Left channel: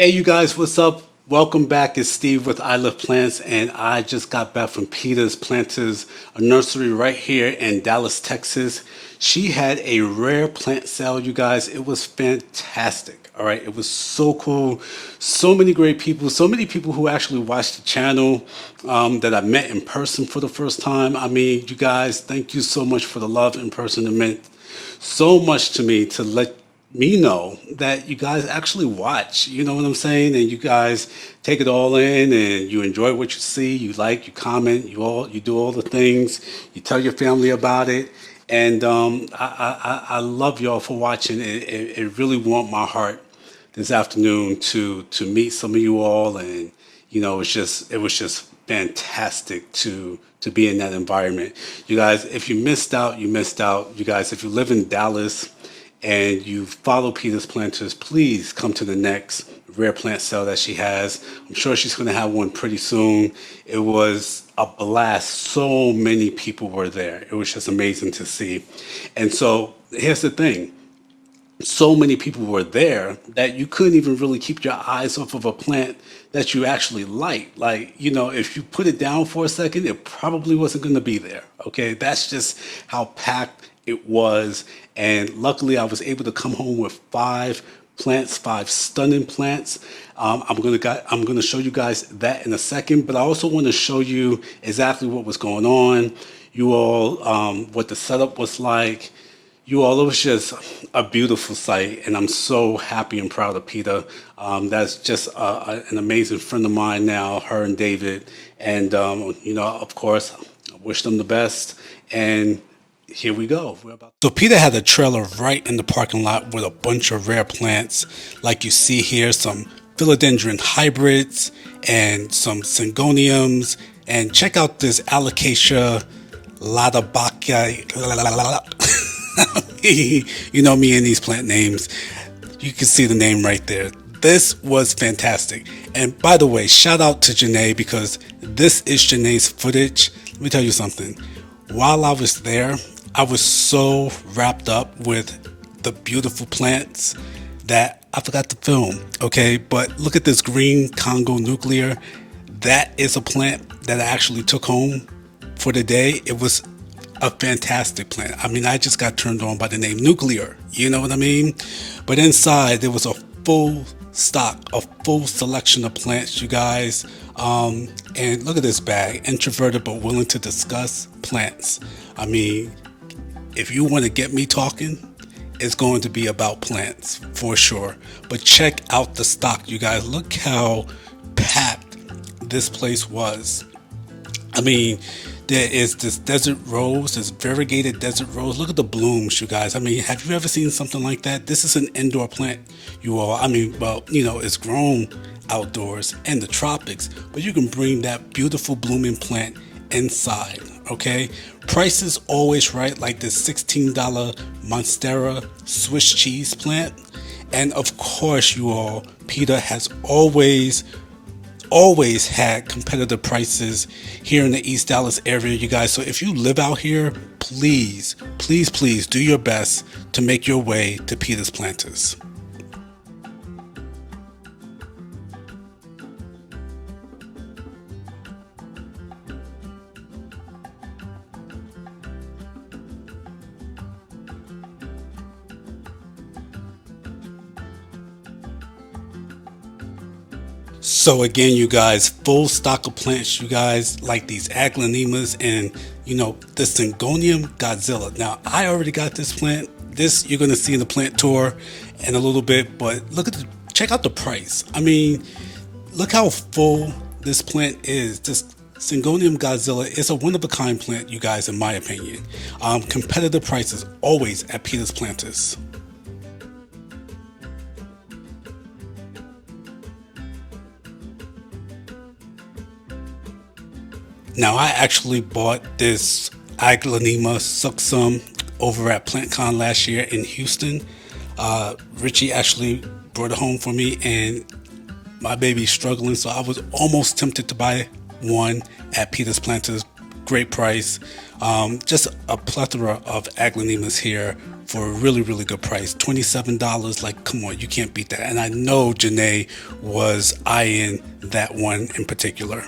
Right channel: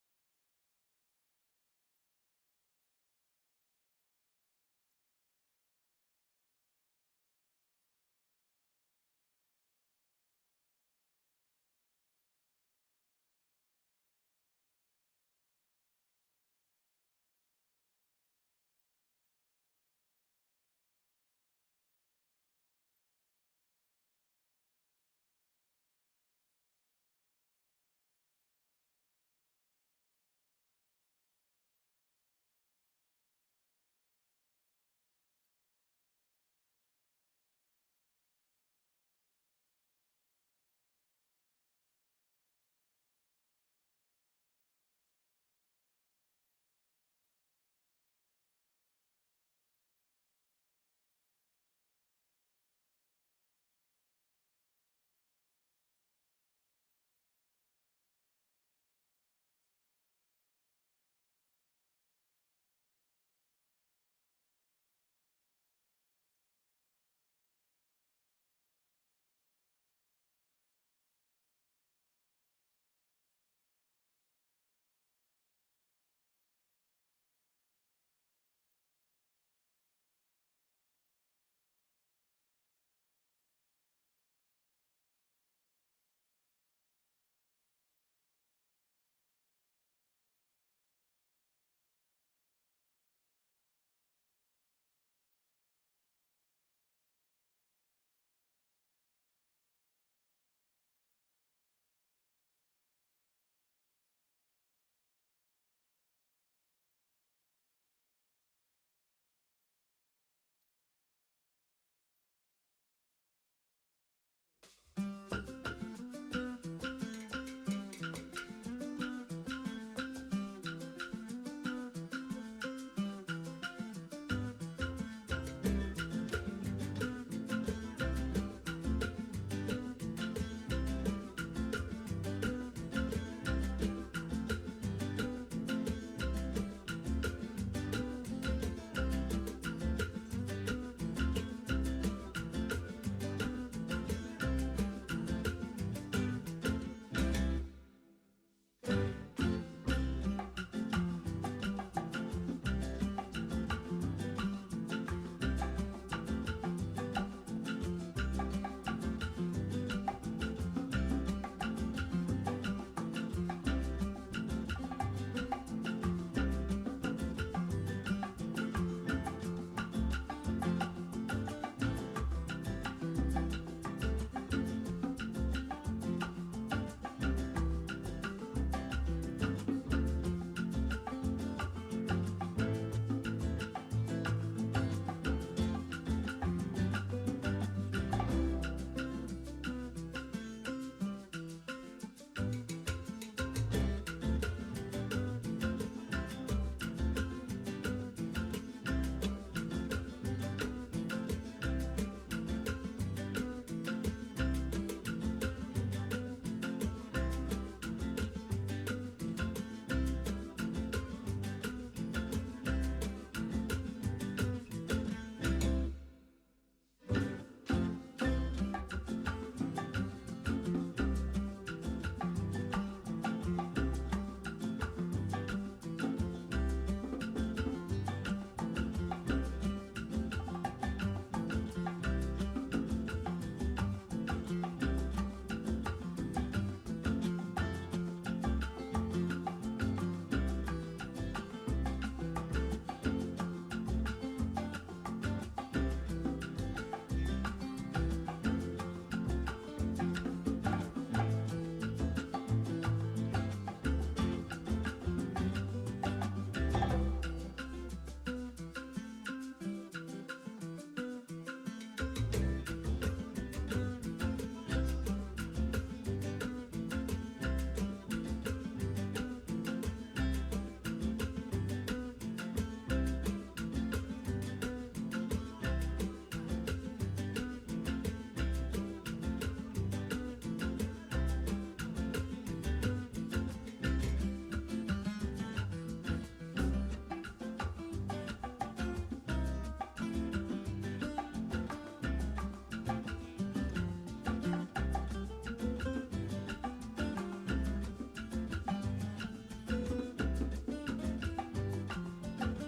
Hey, you guys, what's up? Welcome back. It's Steve with I Love Plants, and I just got back from Pita's Planters, a nursery right here in Dallas, Texas. She had a rare plant sale, you guys. It was fantastic. All right, it was so cool. So many great people, so many people who actually watched the channel that I met in person for the first time. I mean, you guys, thank you so much for the love in person. It meant so much to me to let me know that you guys actually watch, you know what I'm saying? And you guys take it all in and you enjoy what you see, you like, you comment, you do all the things, you tell your family about it. And I love y'all for watching. It really warmed my heart this afternoon to meet some of you all, and it was just fantastic to be in that environment. You guys, if you missed out, you missed out. You guys, if you live in Dallas and you follow Peter's Planters, please come to the next rare plant sale that she has. I'm sure she's going to have one pretty soon. It was a blast. So many people were there. It was just amazing to see. And so here's the thing, so many people were there that you couldn't even really keep your eyes off of a plant that you actually like. Like, if you put it down for a second, it probably wasn't going to be there. Okay. That's just how packed it was. And luckily, I was able to come home with five plants, five stunning plants. I'm gonna show you guys that in a second, but I also want to show you exactly what was going on. You all, what the setup was like. You all, it was just a beautiful sight, and I'm so happy and proud of Peter. That's just an amazing friend of mine now, her and David. And, of course, I wish them the best. And here we go. So Peter had a trailer right in the parking lot with a bunch of rare plants. Like you see here, some philodendron hybrids and some syngoniums. And check out this alocasia latabacia. You know me and these plant names. You can see the name right there. This was fantastic. And by the way, shout out to Janeé, because this is Janeé's footage. Let me tell you something. While I was there, I was so wrapped up with the beautiful plants that I forgot to film. Okay, but look at this green Congo nuclear. That is a plant that I actually took home for the day. It was a fantastic plant. I mean, I just got turned on by the name nuclear. You know what I mean? But inside there was a full stock, a full selection of plants, you guys. And look at this bag, introverted but willing to discuss plants. I mean, if you want to get me talking, it's going to be about plants for sure. But check out the stock, you guys. Look how packed this place was. I mean, there is this desert rose, this variegated desert rose. Look at the blooms, you guys. I mean, have you ever seen something like that? This is an indoor plant, you all. I mean, well, it's grown outdoors in the tropics, but you can bring that beautiful blooming plant inside, okay? Price is always right, like this $16 Monstera Swiss cheese plant. And of course, you all, Peter has always had competitive prices here in the East Dallas area, you guys. So if you live out here, please, please, please do your best to make your way to Peter's Planters. So again, you guys, full stock of plants, you guys, like these aglaonemas and the Syngonium Godzilla. Now, I already got this plant. This you're gonna see in the plant tour in a little bit, but check out the price. I mean, look how full this plant is. This Syngonium Godzilla is a one-of-a-kind plant, you guys, in my opinion. Competitive prices always at Peter's Planters. Now, I actually bought this Aglaonema succum over at PlantCon last year in Houston. Richie actually brought it home for me, and my baby's struggling, so I was almost tempted to buy one at Peter's Planters great price. Just a plethora of aglanemas here for a really, really good price. $27. Like, come on, you can't beat that. And I know Janeé was eyeing that one in particular.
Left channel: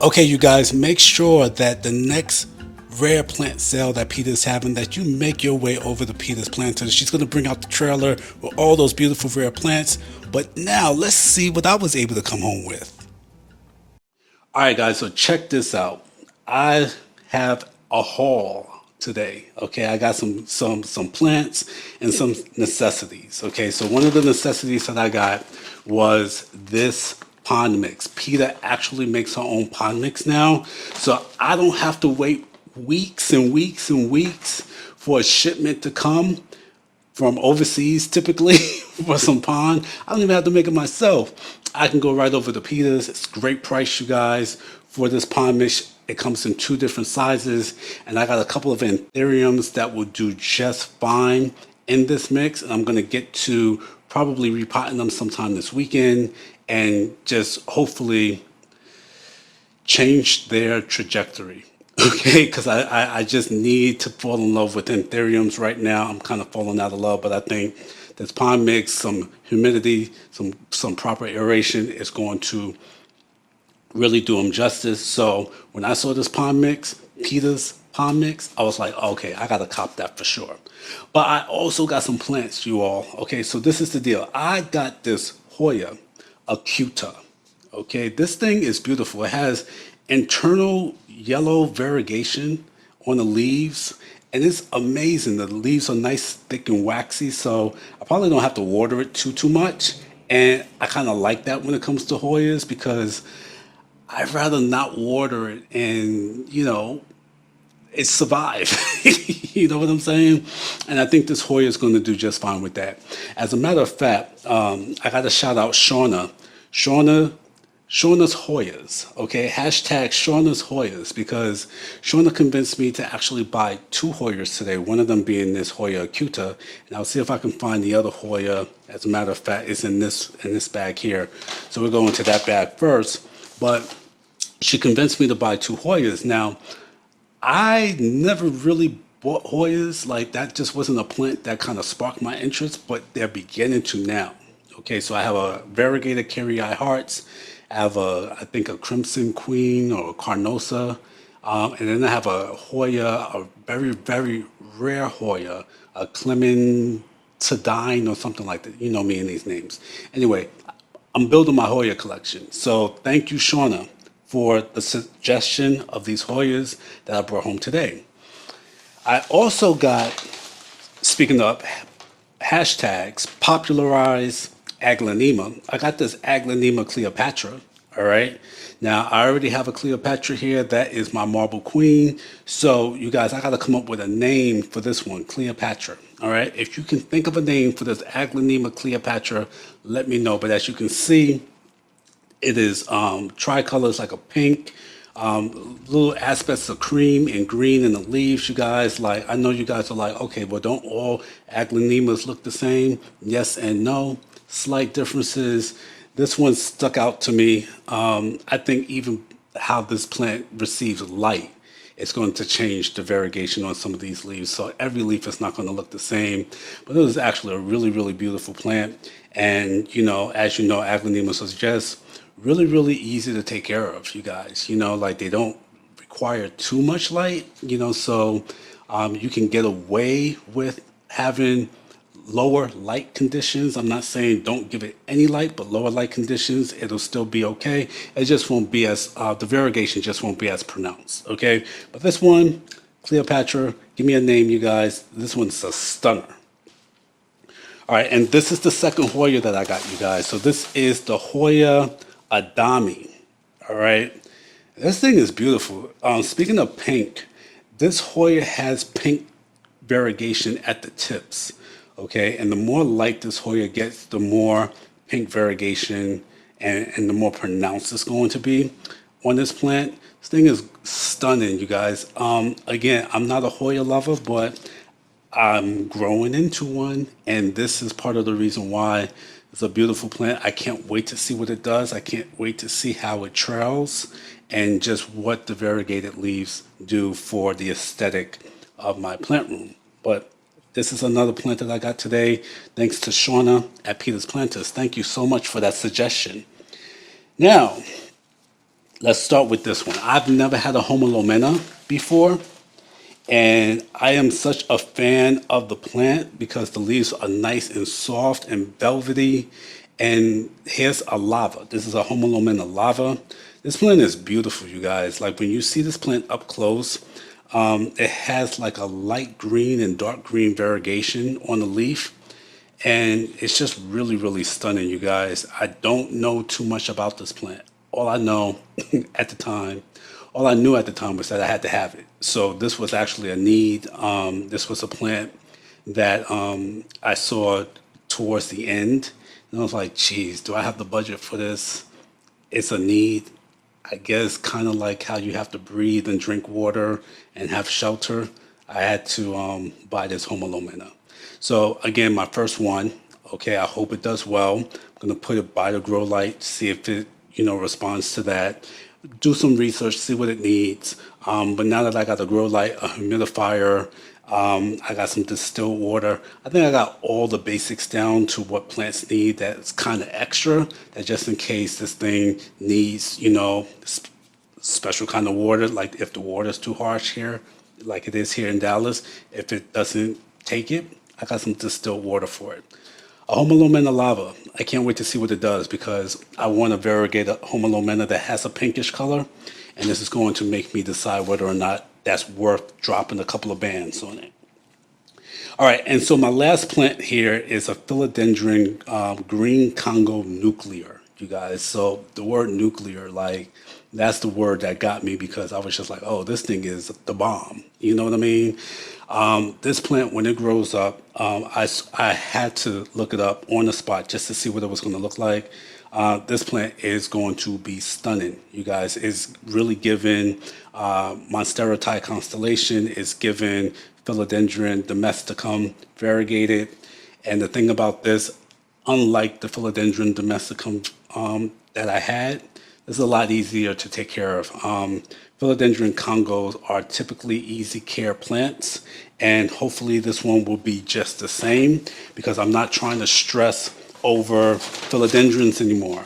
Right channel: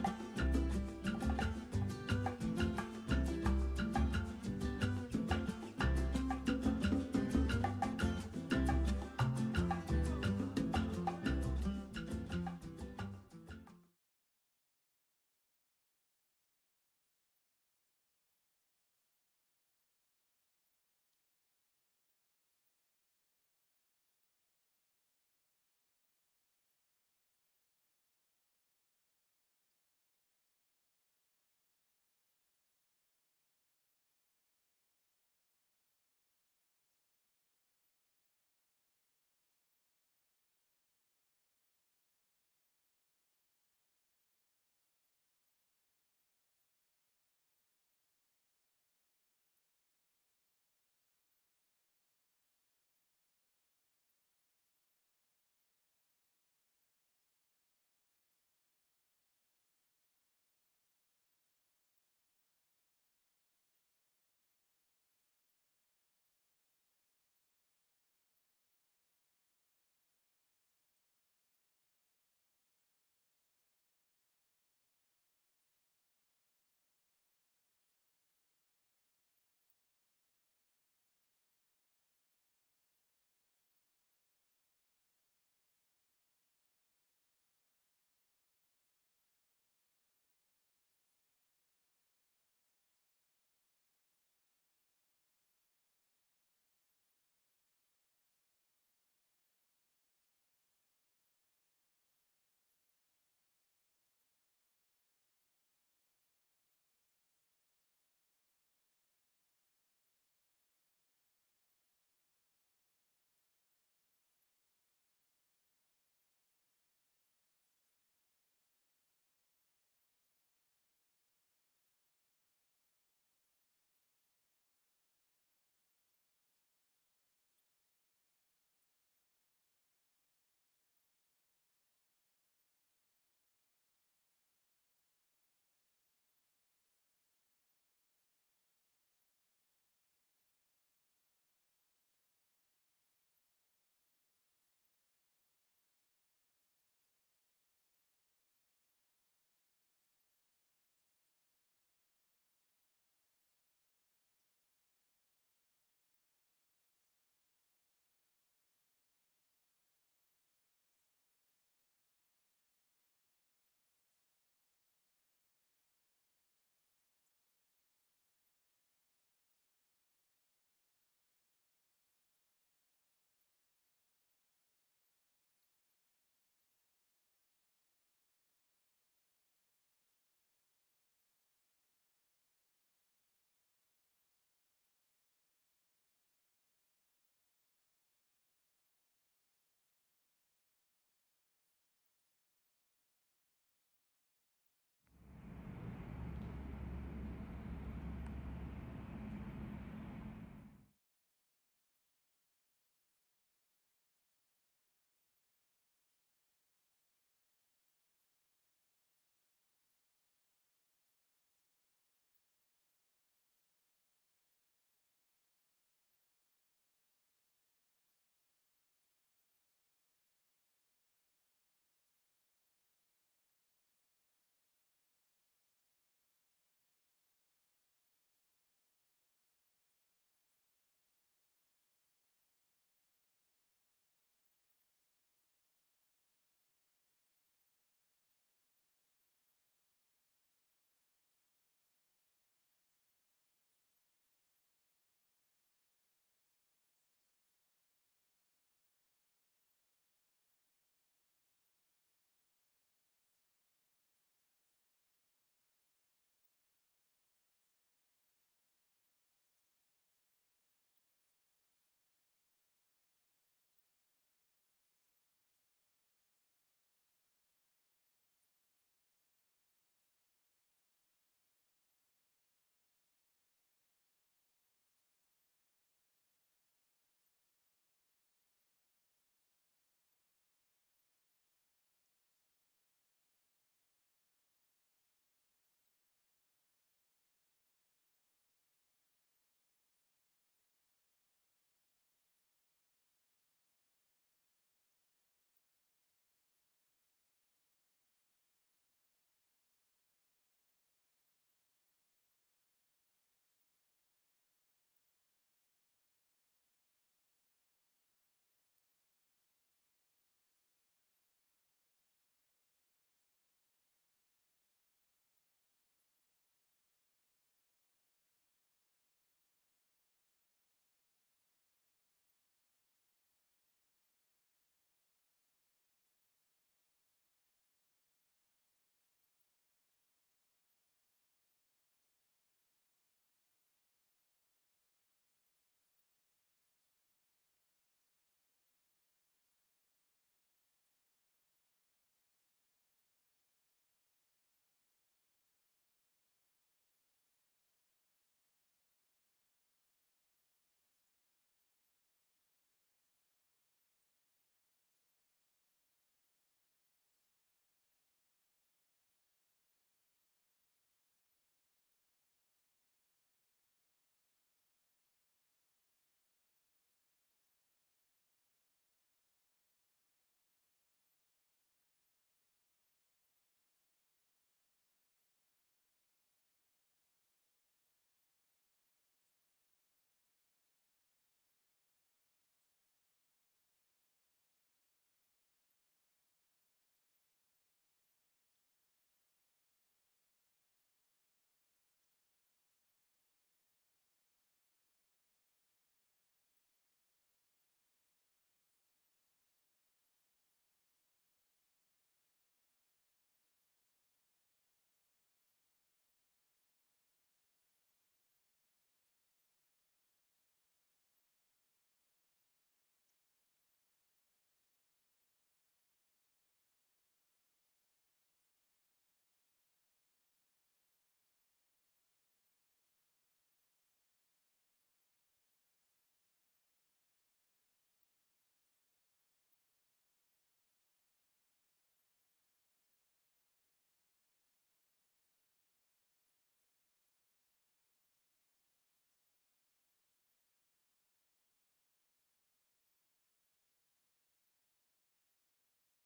Okay, you guys, make sure that the next rare plant sale that Pita's having, that you make your way over to Pita's Planters. She's going to bring out the trailer with all those beautiful rare plants. But now let's see what I was able to come home with. All right, guys, so check this out. I have a haul today. Okay, I got some plants and some necessities. Okay, so one of the necessities that I got was this pond mix. Pita actually makes her own pond mix now, so I don't have to wait weeks and weeks and weeks for a shipment to come from overseas typically for some pond. I don't even have to make it myself. I can go right over to Pita's. It's a great price, you guys, for this pond mix. It comes in two different sizes, and I got a couple of anthuriums that will do just fine in this mix. And I'm gonna get to probably repotting them sometime this weekend and just hopefully change their trajectory. Okay, because I just need to fall in love with anthuriums right now. I'm kind of falling out of love, but I think this pond mix, some humidity, some proper aeration is going to really do them justice. So when I saw this pond mix, Pita's pond mix, I was like, okay, I gotta cop that for sure. But I also got some plants, you all. Okay, so this is the deal. I got this Hoya acuta. Okay, this thing is beautiful. It has internal yellow variegation on the leaves, and it's amazing. The leaves are nice, thick, and waxy, so I probably don't have to water it too much. And I kind of like that when it comes to Hoyas because I'd rather not water it and, it survive. You know what I'm saying? And I think this Hoya is going to do just fine with that. As a matter of fact, I got to shout out Shauna. Shauna's Hoyas, okay? Hashtag Shauna's Hoyas, because Shauna convinced me to actually buy two Hoyas today, one of them being this Hoya acuta, and I'll see if I can find the other Hoya. As a matter of fact, it's in this bag here. So we're going to that bag first, but she convinced me to buy two Hoyas. Now, I never really bought Hoyas, like that just wasn't a plant that kind of sparked my interest, but they're beginning to now. Okay, so I have a variegated Carrie Hearts. I have I think a Crimson Queen or a Carnosa. And then I have a Hoya, a very, very rare Hoya, a Clementine or something like that. You know me and these names. Anyway, I'm building my Hoya collection. So thank you, Shauna, for the suggestion of these Hoyas that I brought home today. I also got, speaking of hashtags, popularize Aglanema. I got this Aglanema Cleopatra, all right? Now, I already have a Cleopatra here. That is my marble queen. So, you guys, I got to come up with a name for this one, Cleopatra, all right? If you can think of a name for this Aglanema Cleopatra, let me know. But as you can see, it is tricolors like a pink, little aspects of cream and green in the leaves, you guys. Like, I know you guys are like, okay, well, don't all aglanemas look the same? Yes and no. Slight differences. This one stuck out to me. I think even how this plant receives light, it's going to change the variegation on some of these leaves. So every leaf is not going to look the same. But it is actually a really, really beautiful plant. And, as you know, aglanemas are just really, really easy to take care of, you guys. Like they don't require too much light, so you can get away with having lower light conditions. I'm not saying don't give it any light, but lower light conditions, it'll still be okay. It just won't be as, the variegation just won't be as pronounced, okay? But this one, Cleopatra, give me a name, you guys. This one's a stunner. All right, and this is the second Hoya that I got, you guys. So this is the Hoya Adami, all right? This thing is beautiful. Speaking of pink, this Hoya has pink variegation at the tips, okay? And the more light this Hoya gets, the more pink variegation and the more pronounced it's going to be on this plant. This thing is stunning, you guys. Again, I'm not a Hoya lover, but I'm growing into one, and this is part of the reason why It's a beautiful plant. I can't wait to see what it does. I can't wait to see how it trails and just what the variegated leaves do for the aesthetic of my plant room. But this is another plant that I got today, thanks to Shauna at Peter's Planters. Thank you so much for that suggestion. Now, let's start with this one. I've never had a Homalomena before, and I am such a fan of the plant because the leaves are nice and soft and velvety. And here's a lava. This is a Homalomena lava. This plant is beautiful, you guys. Like when you see this plant up close, it has like a light green and dark green variegation on the leaf. And it's just really, really stunning, you guys. I don't know too much about this plant. All I know at the time, all I knew at the time was that I had to have it. So this was actually a need. This was a plant that I saw towards the end. And I was like, geez, do I have the budget for this? It's a need. I guess kind of like how you have to breathe and drink water and have shelter. I had to buy this Homalomena. So again, my first one. Okay, I hope it does well. I'm gonna put it by the grow light, see if it responds to that. Do some research, see what it needs. But now that I got the grow light, a humidifier, I got some distilled water. I think I got all the basics down to what plants need. That's kind of extra. That just in case this thing needs, special kind of water. Like if the water is too harsh here, like it is here in Dallas, if it doesn't take it, I got some distilled water for it. A Homalomena lava. I can't wait to see what it does because I want a variegated Homalomena that has a pinkish color, and this is going to make me decide whether or not that's worth dropping a couple of bands on it. All right, and so my last plant here is a philodendron green Congo nuclear, you guys. So the word nuclear, like that's the word that got me because I was just like, oh, this thing is the bomb. You know what I mean? This plant, when it grows up, I had to look it up on the spot just to see what it was going to look like. This plant is going to be stunning, you guys. It's really given Monstera constellation. It's given Philodendron domesticum variegated. And the thing about this, unlike the Philodendron domesticum that I had, this is a lot easier to take care of. Philodendron Congos are typically easy care plants, and hopefully this one will be just the same because I'm not trying to stress over philodendrons anymore.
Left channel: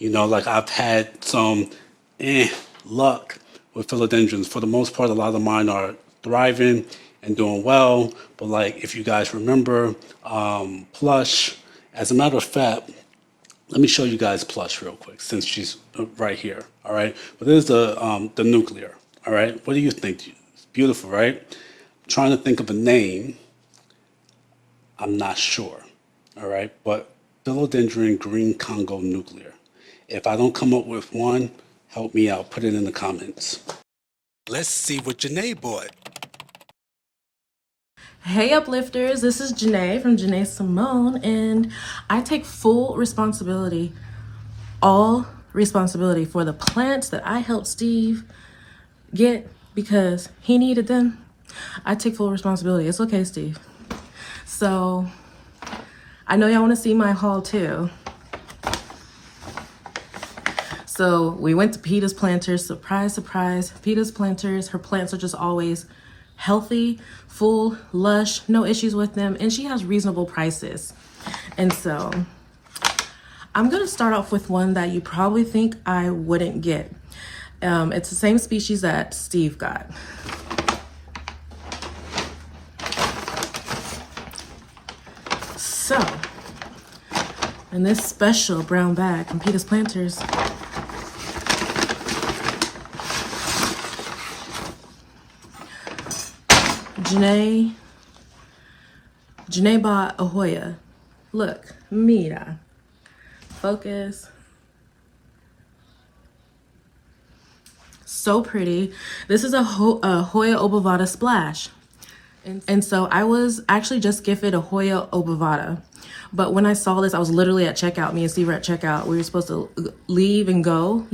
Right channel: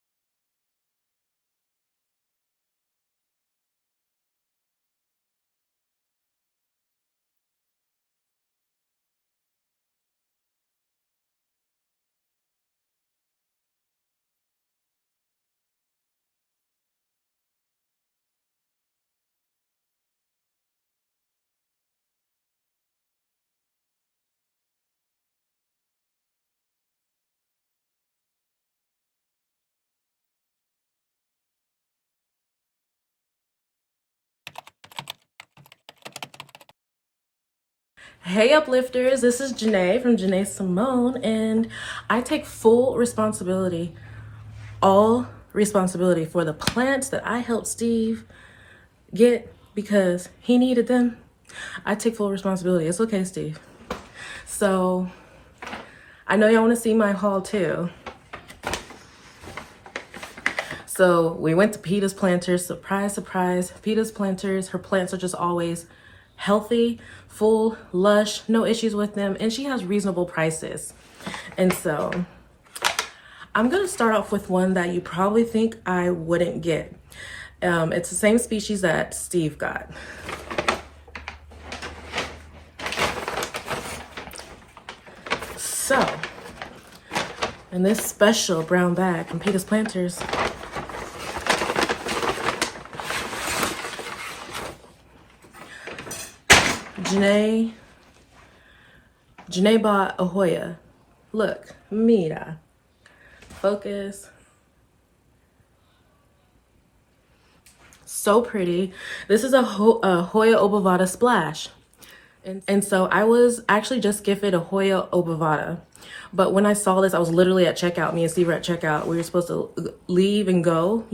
Like I've had some luck with philodendrons. For the most part, a lot of mine are thriving and doing well. But like if you guys remember, Plush, as a matter of fact, let me show you guys Plush real quick since she's right here. All right, but this is the nuclear. All right, what do you think? It's beautiful, right? I'm trying to think of a name. I'm not sure. All right, but philodendron green Congo nuclear. If I don't come up with one, help me out. Put it in the comments. Let's see what Janeé bought. Hey uplifters, this is Janeé from Janeé Simone, and I take full responsibility, all responsibility for the plants that I helped Steve get because he needed them. I take full responsibility. It's okay, Steve. So I know y'all want to see my haul too. So we went to Pita's Planters. Surprise, surprise. Pita's Planters, her plants are just always healthy, full, lush, no issues with them, and she has reasonable prices. And so I'm gonna start off with one that you probably think I wouldn't get. It's the same species that Steve got. So, in this special brown bag from Pita's Planters, Janeé bought a Hoya. Look, mira. Focus. So pretty. This is a Hoya obovata splash. And so I was actually just gifted a Hoya obovata. But when I saw this, I was literally at checkout. Me and Steve were at checkout. We were supposed to leave and go,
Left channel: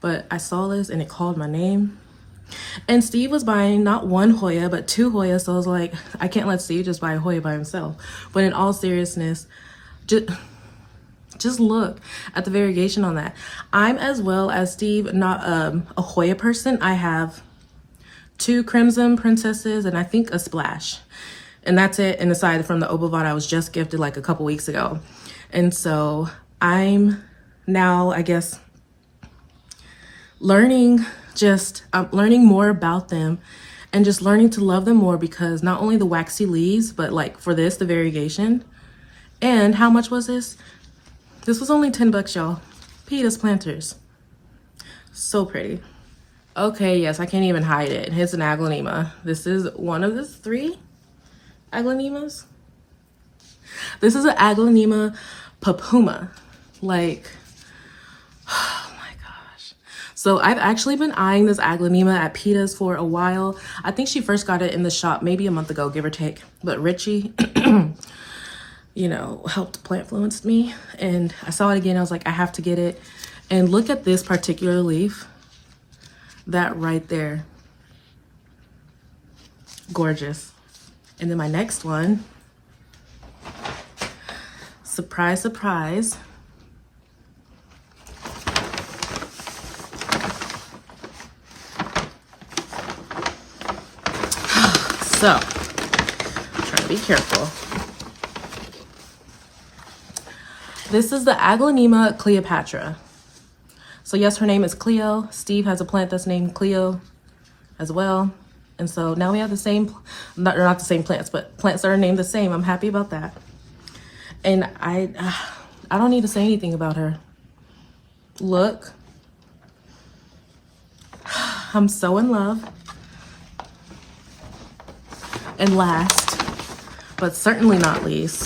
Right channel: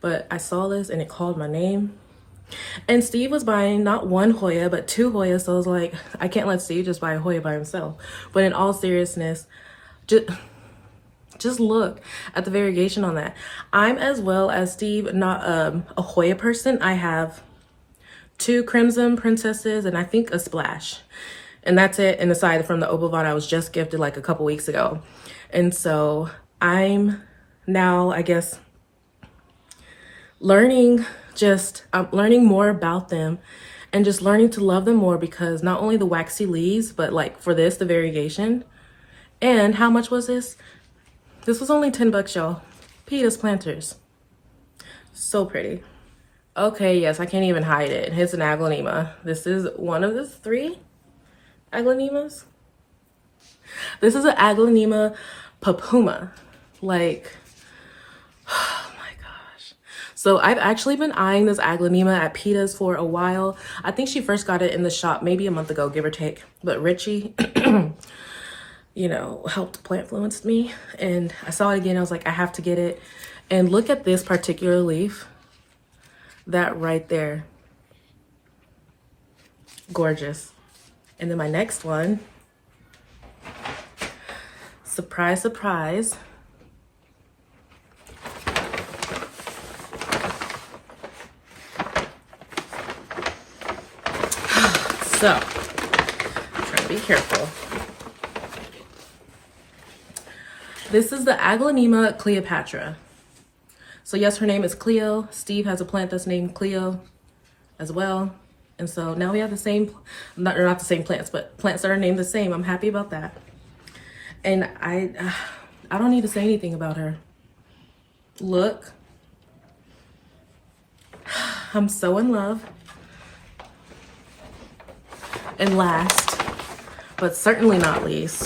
But I saw this and it called my name. And Steve was buying not one Hoya, but two Hoyas. So I was like, I can't let Steve just buy a Hoya by himself. But in all seriousness, Just look at the variegation on that. I'm, as well as Steve, not a Hoya person. I have 2 Crimson Princesses and I think a Splash. And that's it. And aside from the Obovon I was just gifted like a couple weeks ago. And so I'm now, I guess, I'm learning more about them and just learning to love them more, because not only the waxy leaves, but like for this, the variegation. And how much was this? This was only 10 bucks, y'all. Pita's planters. So pretty. Okay, yes, I can't even hide it. It's an aglaonema. This is one of the 3 aglaonemas. This is an aglaonema papuma. Like, oh my gosh. So I've actually been eyeing this aglaonema at Pita's for a while. I think she first got it in the shop maybe a month ago, give or take. But Richie, you know, helped plant-fluenced me. And I saw it again. I was like, I have to get it. And look at this particular leaf. That right there. Gorgeous. And then my next one. Surprise, surprise. So, try to be careful. This is the aglaonema Cleopatra. So yes, her name is Cleo. Steve has a plant that's named Cleo as well. And so now we have the same, not the same plants, but plants that are named the same. I'm happy about that. And I don't need to say anything about her. Look. I'm so in love. And last, but certainly not least,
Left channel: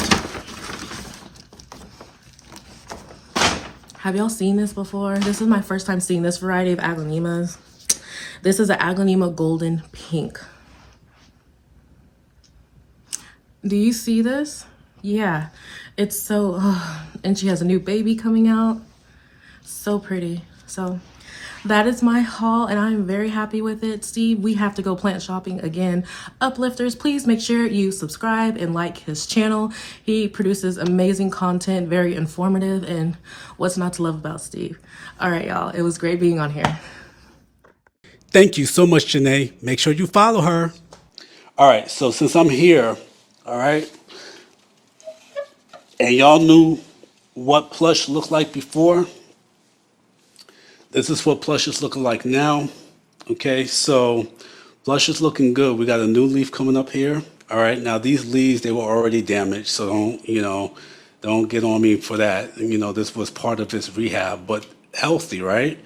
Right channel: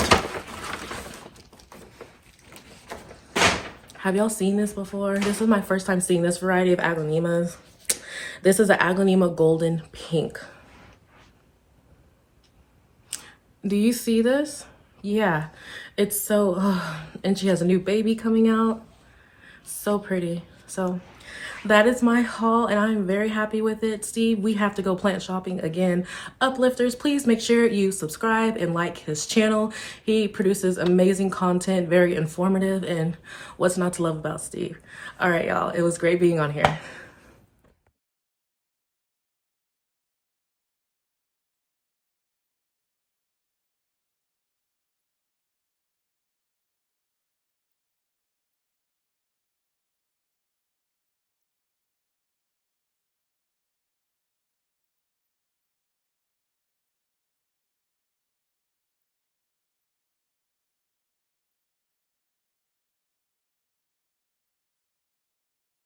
have y'all seen this before? This is my first time seeing this variety of aglaonemas. This is an aglaonema golden pink. Do you see this? Yeah, it's so, and she has a new baby coming out. So pretty. So that is my haul, and I'm very happy with it. Steve, we have to go plant shopping again. Uplifters, please make sure you subscribe and like his channel. He produces amazing content, very informative, and what's not to love about Steve? All right, y'all. It was great being on here. Thank you so much, Janeé. Make sure you follow her. All right, so since I'm here, all right, and y'all knew what Plush looked like before, this is what Plush is looking like now. Okay, so Plush is looking good. We got a new leaf coming up here. All right, now these leaves, they were already damaged, so don't get on me for that. This was part of his rehab, but healthy, right?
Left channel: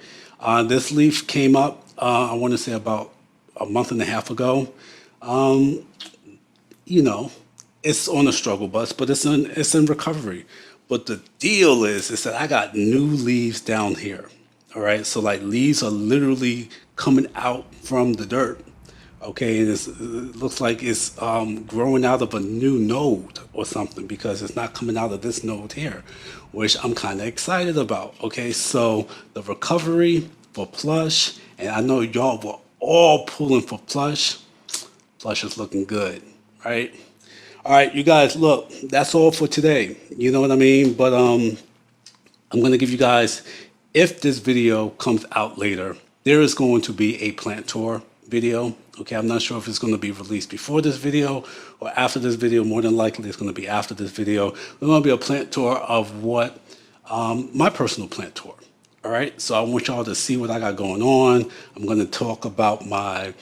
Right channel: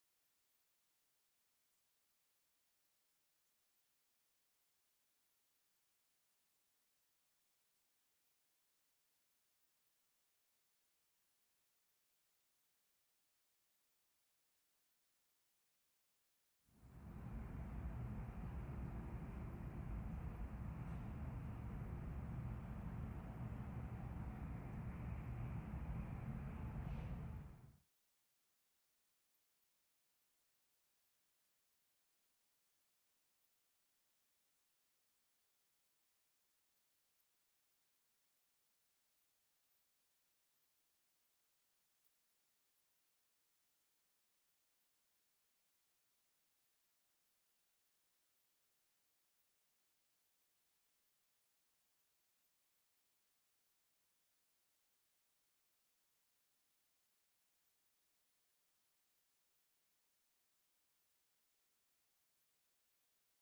This leaf came up, I want to say about a month and a half ago. It's on a struggle bus, but it's in recovery. But the deal is that I got new leaves down here. All right, so like leaves are literally coming out from the dirt. Okay, and it looks like it's growing out of a new node or something, because it's not coming out of this node here, which I'm kind of excited about. Okay, so the recovery for Plush, and I know y'all were all pulling for Plush. Plush is looking good, right? All right, you guys, look, that's all for today. You know what I mean? But I'm gonna give you guys, if this video comes out later, there is going to be a plant tour video. Okay, I'm not sure if it's going to be released before this video or after this video. More than likely, it's going to be after this video. There's going to be a plant tour of what my personal plant tour. All right, so I want y'all to see what I got going on. I'm going to talk about my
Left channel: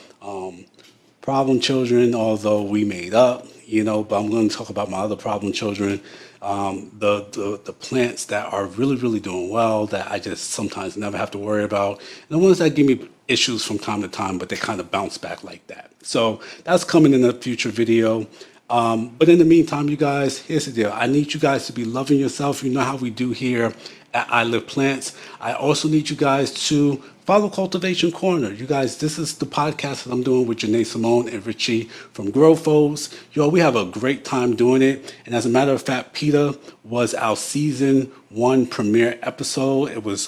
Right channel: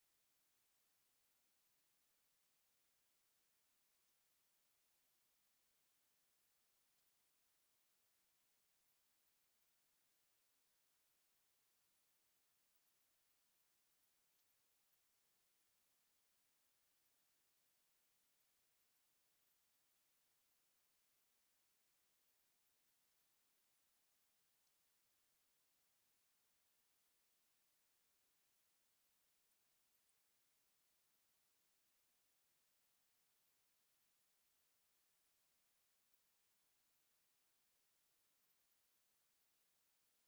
problem children, although we made up, but I'm going to talk about my other problem children. The plants that are really, really doing well, that I just sometimes never have to worry about, and the ones that give me issues from time to time, but they kind of bounce back like that. So that's coming in a future video. But in the meantime, you guys, here's the deal. I need you guys to be loving yourself. You know how we do here at I Live Plants. I also need you guys to follow Cultivation Corner. You guys, this is the podcast that I'm doing with Janeé Simone and Richie from Grow Foes. Yo, we have a great time doing it. And as a matter of fact, Pita was our season 1 premiere episode. It was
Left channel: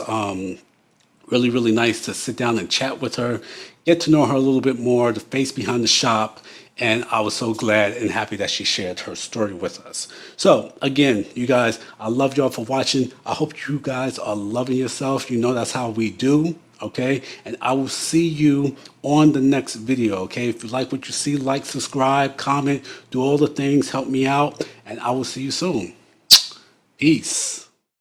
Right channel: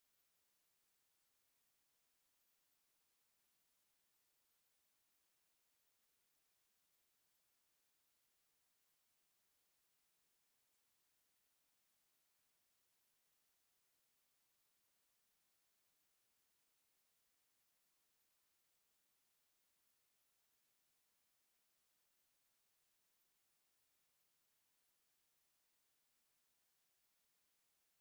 Really, really nice to sit down and chat with her, get to know her a little bit more, the face behind the shop. And I was so glad and happy that she shared her story with us. So, again, you guys, I love y'all for watching. I hope you guys are loving yourself. You know that's how we do, okay? And I will see you on the next video, okay? If you like what you see, like, subscribe, comment, do all the things, help me out, and I will see you soon. Peace.